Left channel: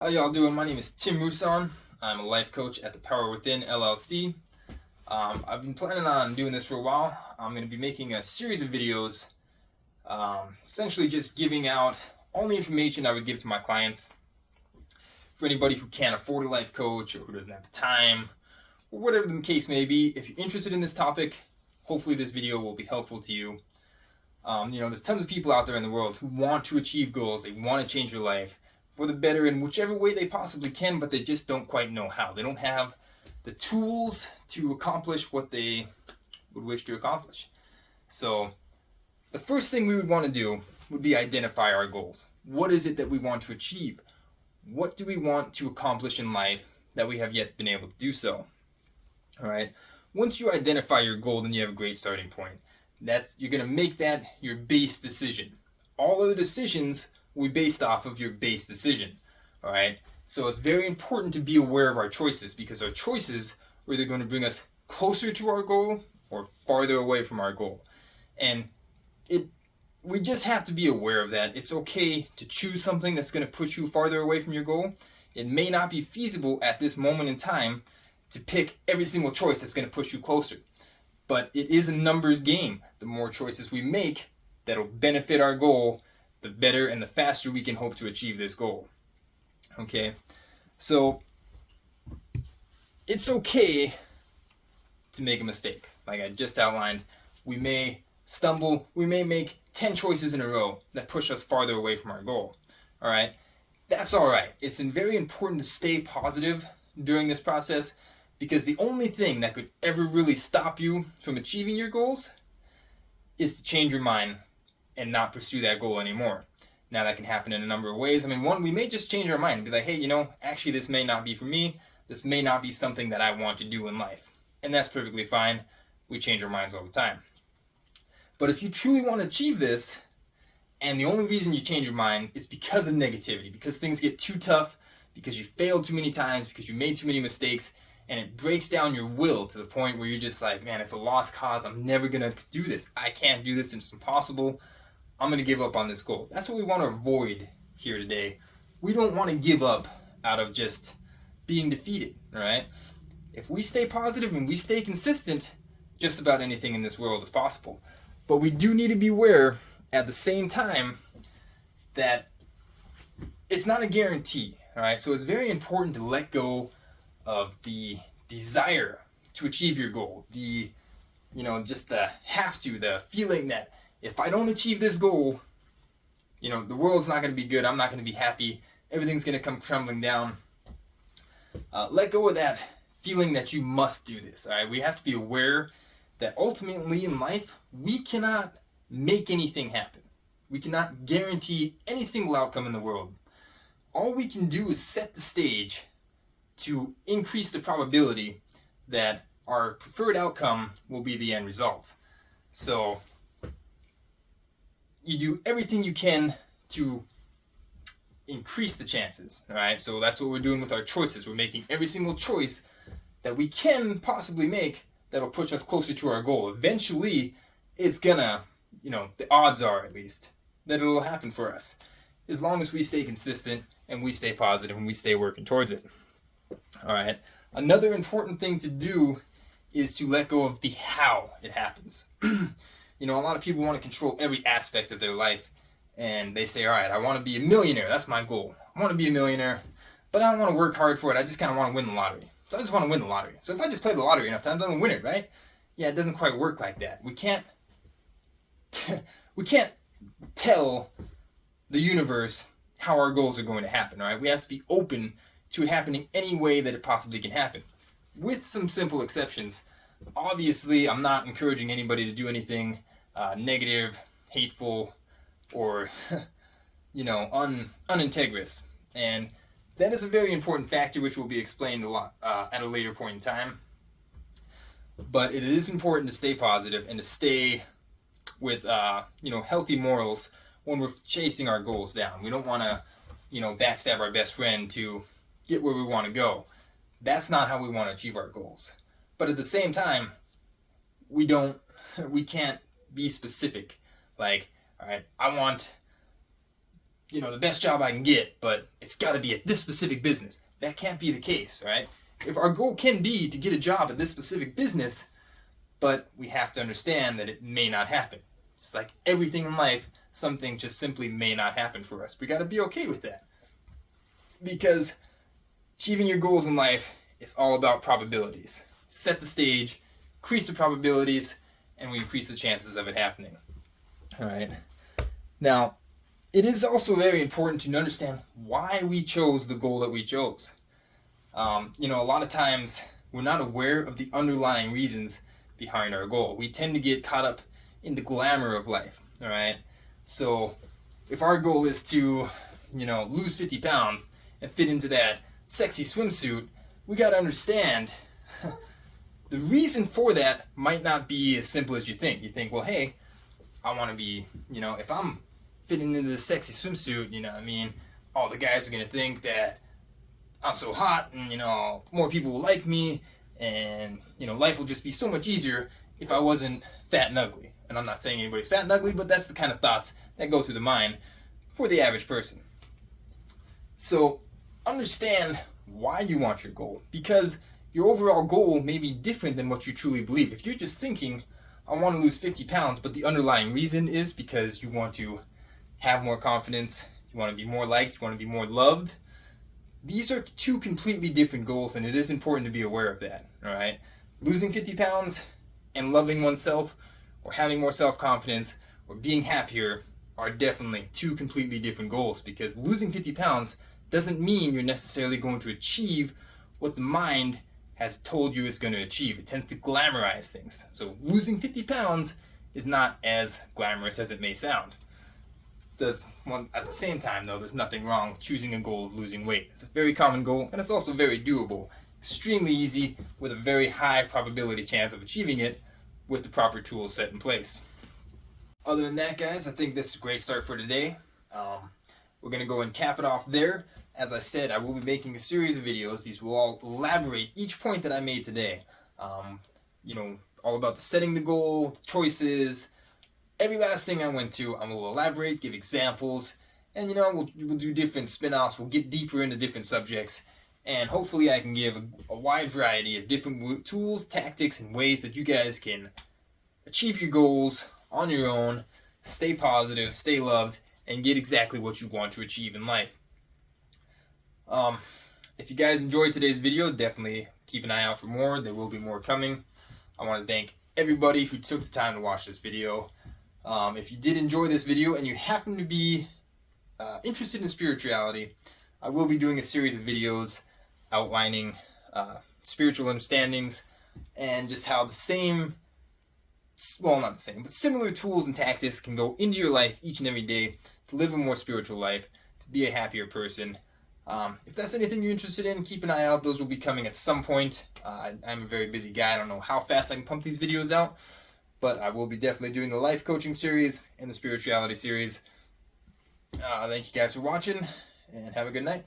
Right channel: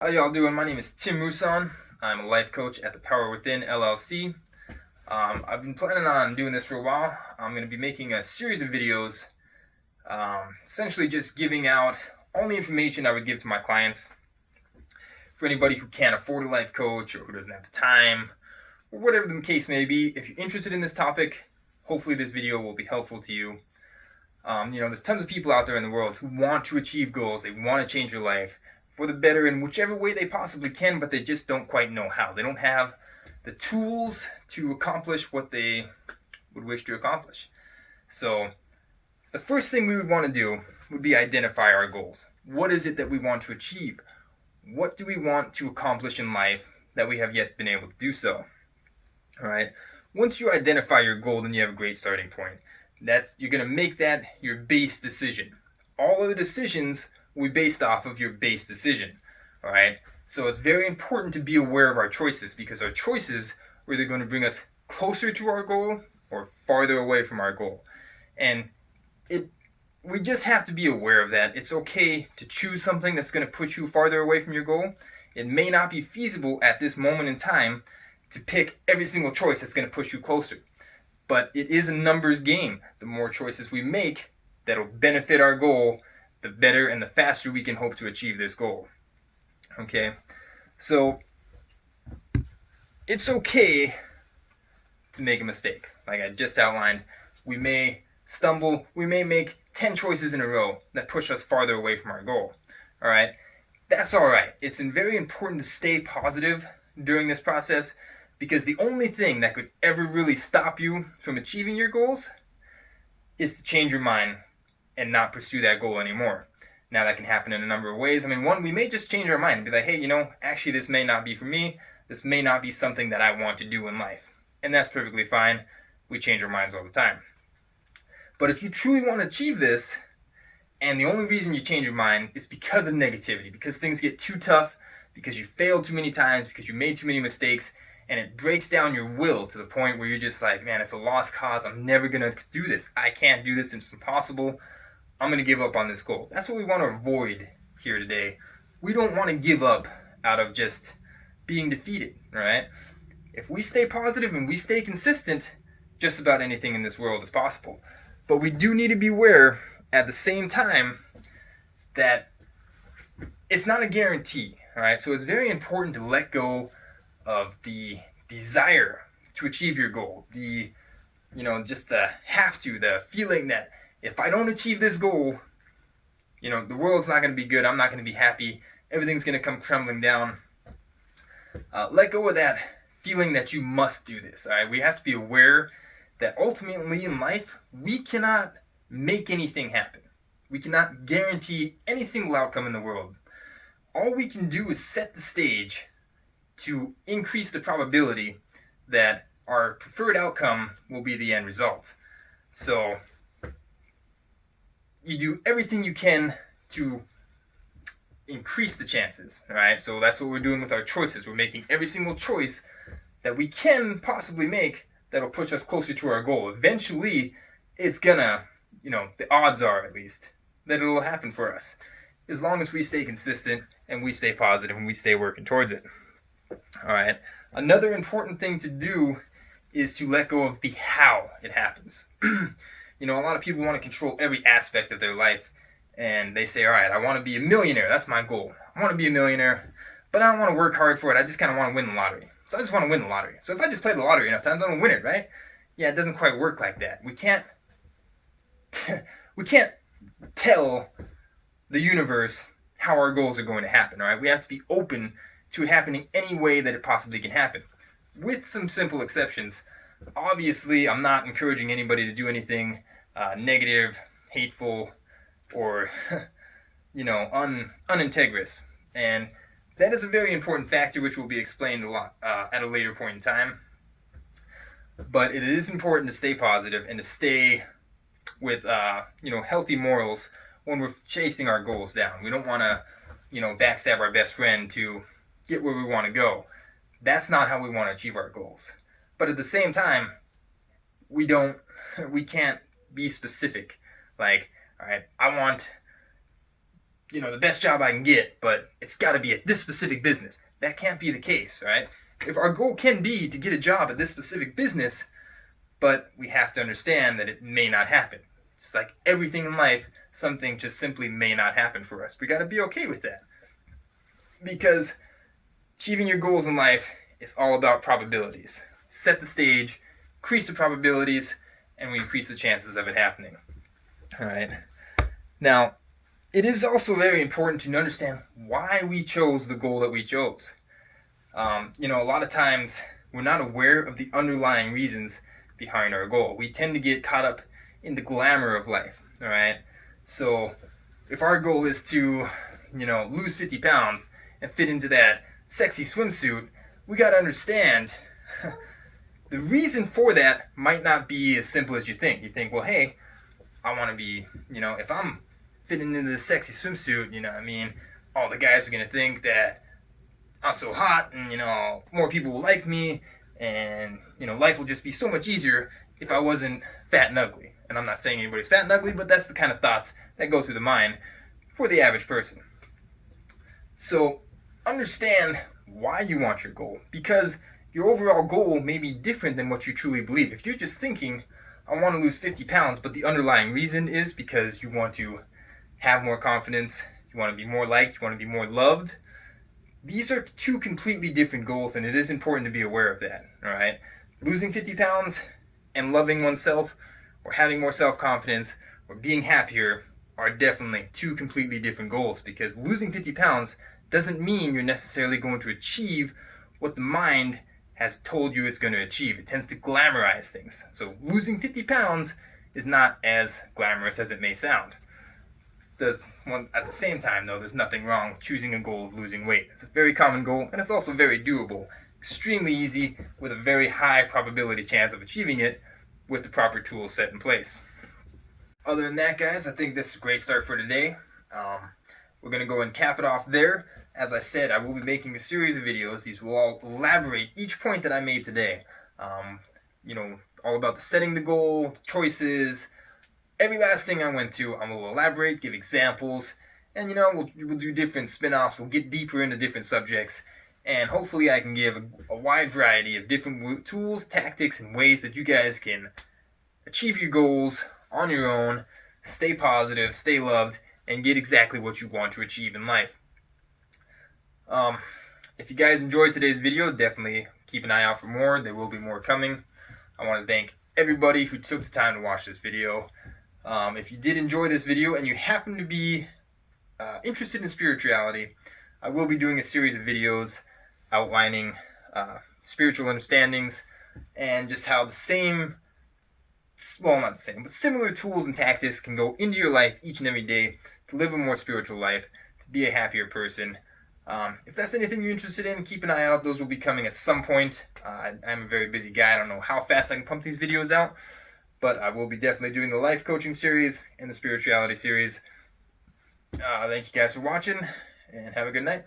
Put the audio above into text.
How y'all doing? My name is Tim Muson. I'm a life coach at the Power Within LLC. I've been planning on doing this for a while. I'm going to be making a series of videos, essentially just giving out all the information I would give to my clients. For anybody who can't afford a life coach or who doesn't have the time, or whatever the case may be, if you're interested in this topic, hopefully this video will be helpful to you. There's tons of people out there in the world who want to achieve goals. They want to change their life for the better in whichever way they possibly can, but they just don't quite know how. They don't have the tools to accomplish what they would wish to accomplish. So, the first thing we would want to do would be identify our goals. What is it that we want to achieve? What do we want to accomplish in life that we have yet been able to do so? All right. Once you identify your goal, then you have a great starting point. You're going to make that your base decision. All of the decisions will be based off of your base decision. All right. So it's very important to be aware of our choices, because our choices are either going to bring us closer to our goal or farther away from our goal. And we just have to be aware of that. It's okay to choose something that's going to push you farther away from your goal. It may not be feasible at this moment in time to pick every single choice that's going to push you closer. But it is a numbers game. The more choices we make that'll benefit our goal, the better and the faster we can hope to achieve this goal. Okay? So it's okay to make a mistake. Like I just outlined, we may stumble, we may make 10 choices in a row that push us farther away from our goal. All right? That's all right. It's very important to stay positive during this process, because the only thing that could ever really stop you from achieving your goals is to change your mind and not pursue that goal anymore. Now, that can happen in a number of ways. One, we may just change our mind and be like, hey, actually, this may not be for me. This may not be something that I want to do in life. And that's perfectly fine. We change our minds all the time. But if you truly want to achieve this, and the only reason you change your mind is because of negativity, because things get too tough, because you failed too many times, because you made too many mistakes, and it breaks down your will to the point where you're just like, man, it's a lost cause. I'm never going to do this. I can't do this. It's impossible. I'm going to give up on this goal. That's what we want to avoid here today. We don't want to give up out of just being defeated, right? If we stay positive and we stay consistent, just about anything in this world is possible. But we do need to be aware at the same time that it's not a guarantee, all right? So it's very important to let go of the desire to achieve your goal, just the the feeling that if I don't achieve this goal, the world's not going to be good. I'm not going to be happy. Everything's going to come crumbling down. Let go of that feeling that you must do this, all right? We have to be aware that ultimately in life, we cannot make anything happen. We cannot guarantee any single outcome in the world. All we can do is set the stage to increase the probability that our preferred outcome will be the end result. So you do everything you can to increase the chances, all right? So that's what we're doing with our choices. We're making every single choice that we can possibly make that'll push us closer to our goal. Eventually, it's gonna, the odds are at least, that it'll happen for us, as long as we stay consistent and we stay positive and we stay working towards it. All right. Another important thing to do is to let go of the how it happens. A lot of people want to control every aspect of their life, and they say, all right, I want to be a millionaire. That's my goal. I want to be a millionaire, but I don't want to work hard for it. I just kind of want to win the lottery. So I just want to win the lottery. So if I just play the lottery enough times, I'm going to win it, right? Yeah, it doesn't quite work like that. We can't tell the universe how our goals are going to happen, all right? We have to be open to it happening any way that it possibly can happen, with some simple exceptions. Obviously, I'm not encouraging anybody to do anything negative, hateful, or unintegrous. And that is a very important factor, which will be explained a lot at a later point in time. But it is important to stay positive and to stay with healthy morals when we're chasing our goals down. We don't want to backstab our best friend to get where we want to go. That's not how we want to achieve our goals. But at the same time, we can't be specific. Like, all right, I want the best job I can get, but it's got to be at this specific business. That can't be the case, right? If our goal can be to get a job at this specific business, but we have to understand that it may not happen. Just like everything in life, something just simply may not happen for us. We got to be okay with that. Because achieving your goals in life is all about probabilities. Set the stage, increase the probabilities, and we increase the chances of it happening. All right. Now, it is also very important to understand why we chose the goal that we chose. A lot of times we're not aware of the underlying reasons behind our goal. We tend to get caught up in the glamour of life, all right? So if our goal is to, lose 50 pounds and fit into that sexy swimsuit, we got to understand the reason for that might not be as simple as you think. You think, well, hey, I want to be, if I'm fitting into this sexy swimsuit, all the guys are going to think that I'm so hot and, more people will like me and, life will just be so much easier if I wasn't fat and ugly. And I'm not saying anybody's fat and ugly, but that's the kind of thoughts that go through the mind for the average person. So understand why you want your goal, because your overall goal may be different than what you truly believe. If you're just thinking, I want to lose 50 pounds, but the underlying reason is because you want to have more confidence, you want to be more liked, you want to be more loved, these are two completely different goals, and it is important to be aware of that, all right? Losing 50 pounds and loving oneself or having more self-confidence or being happier are definitely two completely different goals, because losing 50 pounds doesn't mean you're necessarily going to achieve what the mind has told you it's going to achieve. It tends to glamorize things. So losing 50 pounds is not as glamorous as it may sound. At the same time, though, there's nothing wrong with choosing a goal of losing weight. It's a very common goal, and it's also very doable. Extremely easy, with a very high probability chance of achieving it with the proper tools set in place. Other than that, guys, I think this is a great start for today. We're going to go and cap it off there. As I said, I will be making a series of videos. These will all elaborate each point that I made today. All about the setting the goal, the choices, every last thing I went to. I will elaborate, give examples, and we'll do different spin-offs. We'll get deeper into different subjects, and hopefully I can give a wide variety of different tools, tactics, and ways that you guys can achieve your goals on your own, stay positive, stay loved, and get exactly what you want to achieve in life. If you guys enjoyed today's video, definitely keep an eye out for more. There will be more coming. I want to thank everybody who took the time to watch this video. If you did enjoy this video and you happen to be interested in spirituality, I will be doing a series of videos outlining spiritual understandings and just how not the same, but similar tools and tactics can go into your life each and every day to live a more spiritual life, to be a happier person. If that's anything you're interested in, keep an eye out. Those will be coming at some point. I'm a very busy guy. I don't know how fast I can pump these videos out, but I will be definitely doing the life coaching series and the spirituality series. Thank you guys for watching, and have a good night.